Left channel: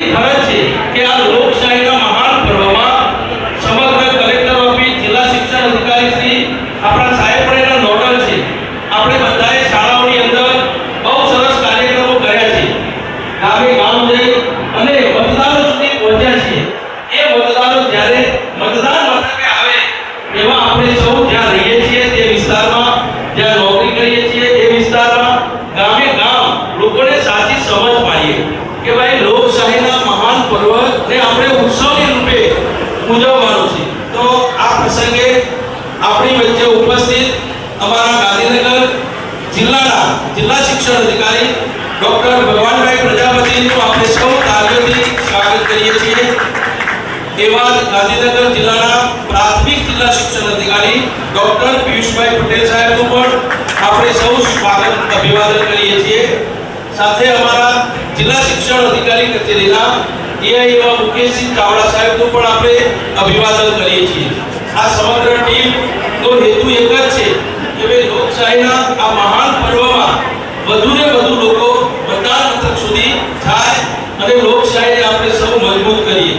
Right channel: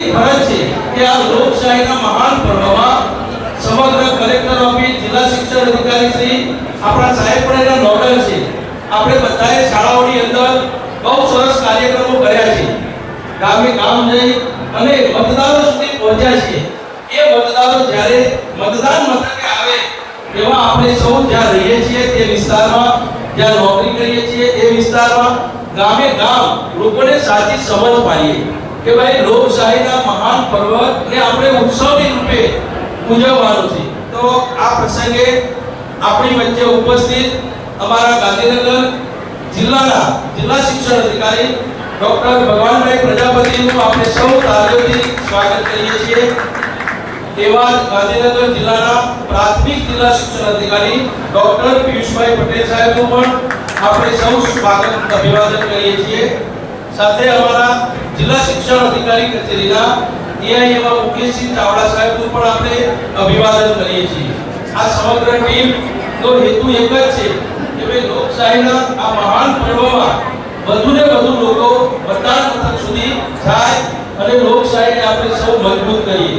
ફરજ છે કે આ લોકશાહીના મહાન પર્વમાં સમગ્ર કલેક્ટર ઓફિસ, જિલ્લા શિક્ષણ અધિકારી શ્રી, આપણા સાહેબ પણ એના નોડલ છે. આપણે બધાએ શાળાઓની અંદર બહુ સરસ કાર્યક્રમો કર્યા છે. ગામે ગામ જઈ અને મતદારો સુધી પહોંચ્યા છીએ. એ મતદારો જ્યારે મતદાન મથકે આવે એવા આપણે સૌ જ્યાં રહીએ છીએ તે વિસ્તારમાં, જ્યાં નોકરી કરીએ છીએ તે વિસ્તારમાં, ગામે ગામ લોકોને સાચી સમજ પાડીએ કે ભાઈ લોકશાહીના મહાન પર્વને આપણે ઉત્સવની રૂપે ઉજવવાનું છે. તો આ પ્રસંગે આપણી વચ્ચે ઉપસ્થિત અમારા ગાંધીનગર જિલ્લાના જિલ્લા શિક્ષણ અધિકારી ડોક્ટર ભગવાનભાઈ પ્રજાપતિનું આપણે સૌ તાળીઓથી સ્વાગત કરીએ છીએ. એવા ગાંધીનગર જિલ્લાના પ્રાથમિક જિલ્લા શિક્ષણ અધિકારી ડોક્ટર પિયુષભાઈ પટેલ સાહેબનું પણ આપણે સૌ સ્વાગત અભિવાદન કરીએ છીએ. સાથે અમારા જિલ્લા શિક્ષણ અધિકારી કચેરીના એઆઈ મુકેશસિંહ ચાવડા સાહેબનું પણ આપણે અભિવાદન કરીએ છીએ. આ સમગ્ર ટીમનો હેતુ એક જ છે કે ભાઈ લોકશાહીના આ મહાન પર્વમાં વધુને વધુ લોકો મતદાન મથક સુધી જાય અને લોકશાહીને આપણે સૌ મજબૂત કરીએ.